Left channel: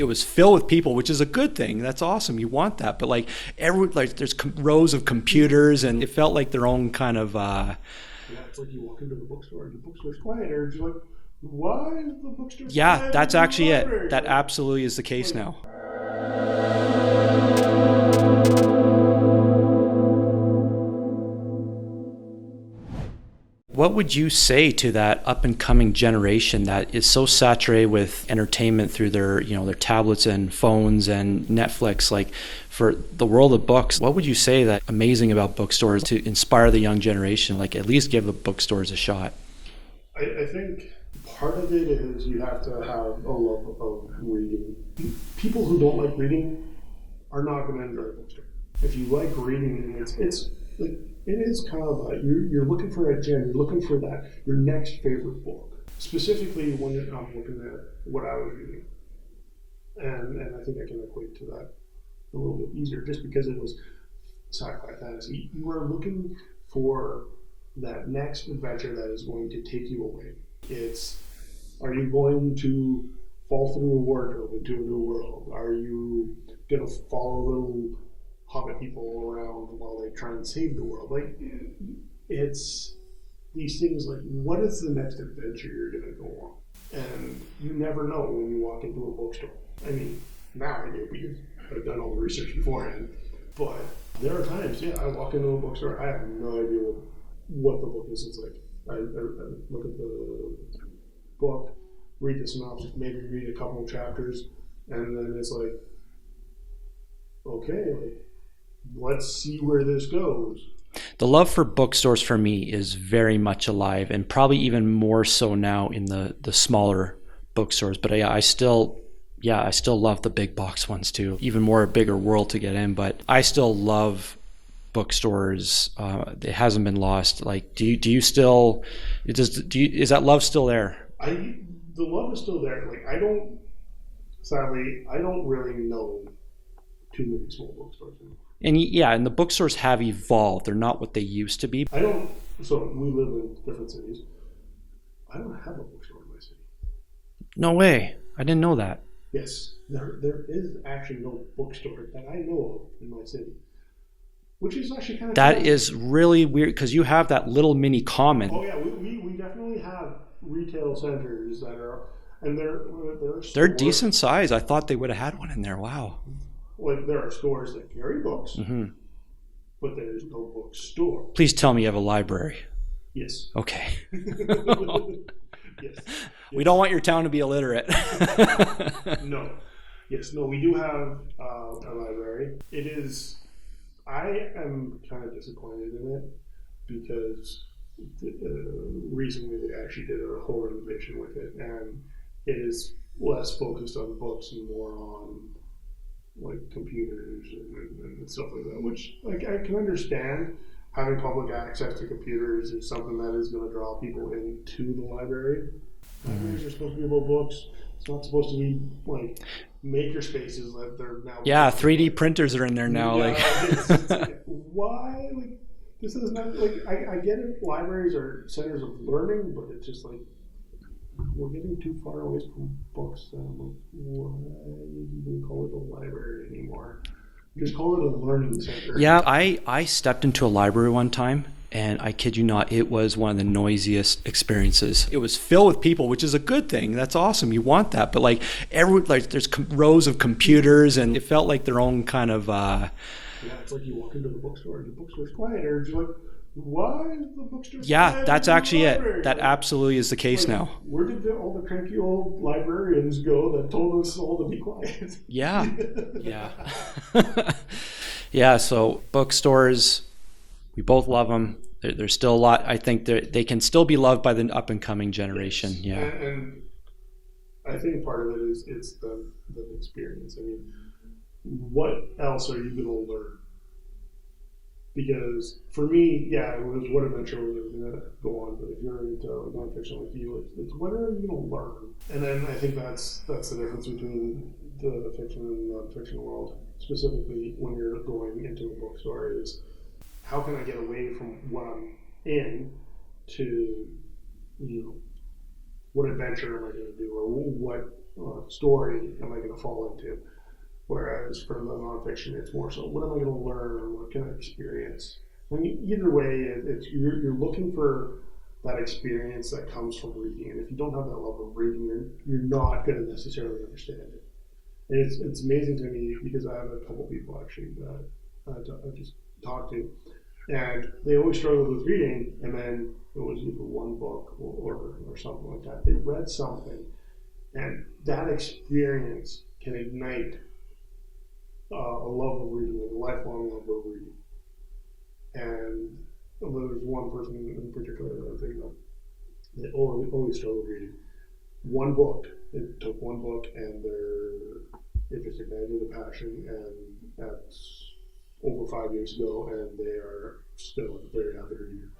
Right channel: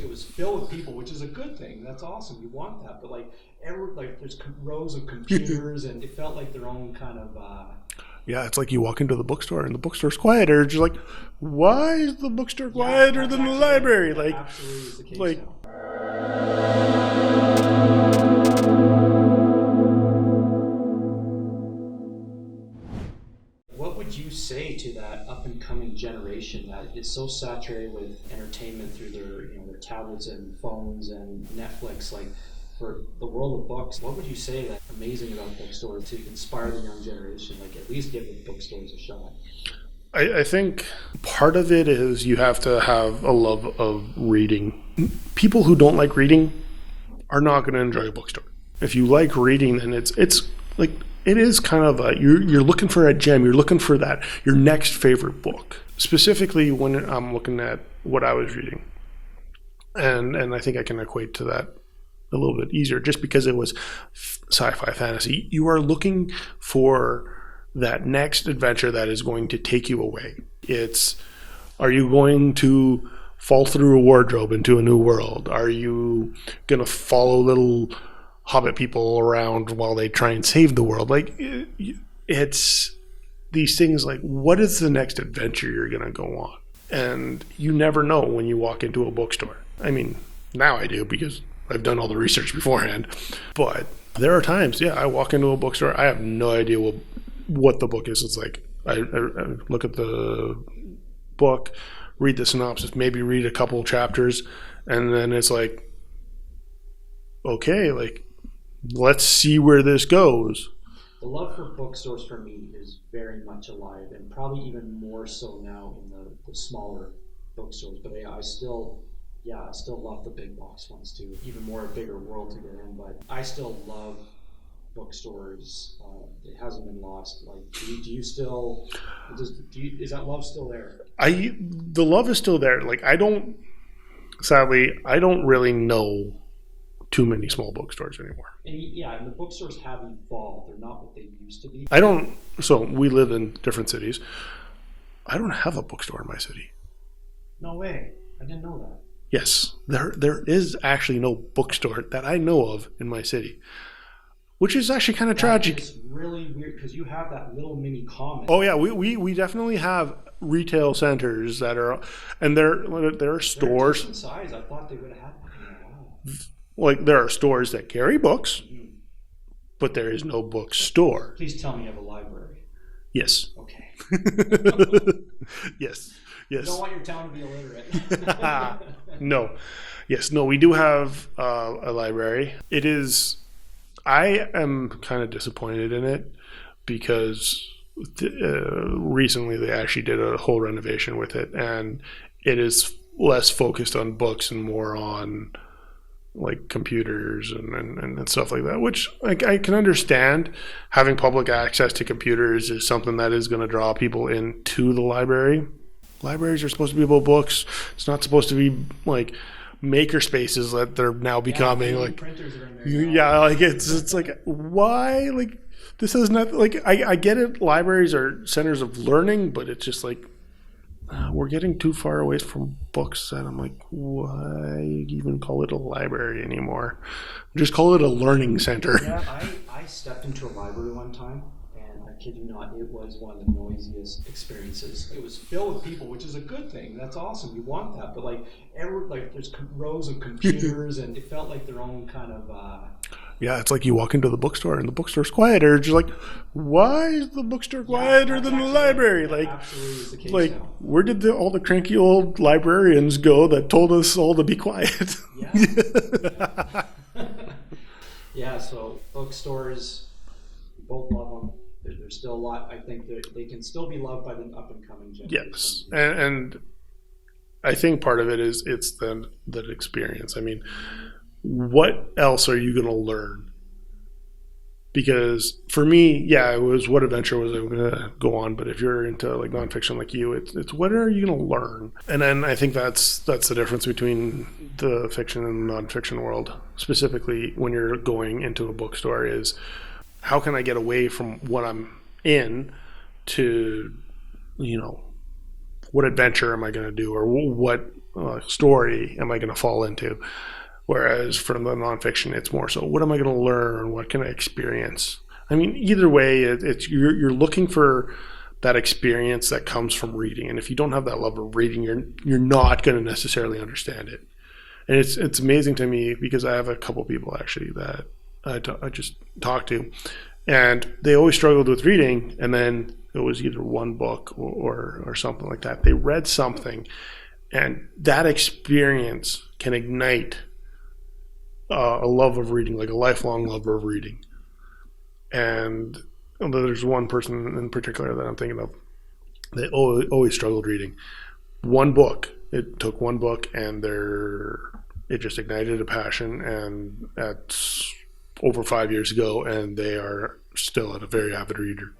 It was filled with people, which is a good thing. That's awesome. You want that. But like there's rows of computers, and it felt like their own kind of. Yeah, it's like you walk into the bookstore and the bookstore's quiet, or you're like, why is the bookstore quiet? Yeah, that's actually it. That like, absolutely is the case like, now. What would you say to that up and coming generation that is so saturated with entertainment through their tablets and phones and Netflix? Like, for the world of books, what would you say that amazing about bookstores to inspire the young generation? Like, at least give the bookstores a shot. I think part of it is you have to have a love of reading. People who don't like reading are not going to enjoy a bookstore. If you like reading, then it's like, it is kind of you're looking for a gem. You're looking for your next favorite book. Specifically, when I'm looking at what I was reading, and I think I can equate to that a little bit easier, just because it was sci-fi fantasy. You are looking for that next adventure that is going to take you away. Are you going to fall through a wardrobe into a new world? Are you going to follow little hobbit people around while they try and save the world? Like, it's these things like, what is the next adventure you're going to go on? And you never know when you walk into a bookstore. I mean, now I do because I've done all the research beforehand. But there are times, I walk into a bookstore, I have no idea what the book is. It's like, I look at the book, read the synopsis, maybe read a couple chapters, and then it's like, okay, like, let's see where this goes. The love for bookstores for me is very much alive, and probably even more so now in the smaller bookstores. But I still love the big box ones too. Even more a bigger world to get in, but I still love bookstores. It hasn't been lost. Like, do you still? Is that love still there? The love is still there. Like, sadly, I don't really know too many small bookstores anymore. And the bookstores have evolved. They're not what they used to be. So we live in different cities. I don't have a bookstore in my city. No way. I didn't know that. Yes, there is actually no bookstore that I know of in my city, which is actually kind of tragic. That is really weird, because you have that little mini common. Oh yeah, we definitely have retail centers that are, and they're stores. They're decent size. I thought they would have had one in there. Wow. Like, there are stores that carry books, but there is no bookstore. Please tell me you have a library. Yes. Okay. Yes. We don't want your town to be illiterate. No. Yes. No, we do have a library. I am kind of disappointed in it because recently they actually did a whole renovation with it, and it is less focused on books and more on like computers and stuff like that, which I can understand. Having public access to computers is something that is going to draw people into the library. Libraries are supposed to be about books. It's not supposed to be like maker spaces that they're now becoming. 3D like, printers are in there now. Yeah, like it's like, why? Like, this is not like, I get it. Libraries are centers of learning, but it's just like, we're getting too far away from books, and I'm like, why even call it a library anymore? Just call it a learning center. Yeah, I stepped into a library one time, and I kid you not, it was one of the noisiest experiences. It was filled with people, which is a good thing. That's awesome. You want that. But like there's rows of computers, and it felt like their own kind of. Yeah, it's like you walk into the bookstore and the bookstore's quiet, or you're like, why is the bookstore quiet? Yeah, that's actually it. That like, absolutely is the case now. Where did all the cranky old librarians go that told us all to be quiet? Yeah. Yeah. Yeah, so bookstores, we both love them. There's still a lot. I think they can still be loved by the up and coming generation. Yes. Yeah. And I think part of it is it's that experience. I mean, what else are you going to learn? Because for me, it was what adventure was I going to go on. But if you're into like nonfiction like you, it's what are you going to learn? And then I think that's the difference between the fiction and nonfiction world. Specifically, when you're going into a bookstore, is how can I get away from what I'm in to, what adventure am I going to do, or what story am I going to fall into? Whereas for the nonfiction, it's more so, what am I going to learn? What can I experience? I mean, either way, it's you're looking for that experience that comes from reading, and if you don't have that love of reading, you're not going to necessarily understand it. And it's amazing to me because I have a couple people actually that I just talked to, and they always struggled with reading, and then it was either one book or something like that. They read something, and that experience can ignite a love of reading, like a lifelong love of reading. And there's one person in particular that I'm thinking of. They always struggled reading. One book. It took one book, and it just ignited a passion. And that's over 5 years ago, and they are still a very avid reader.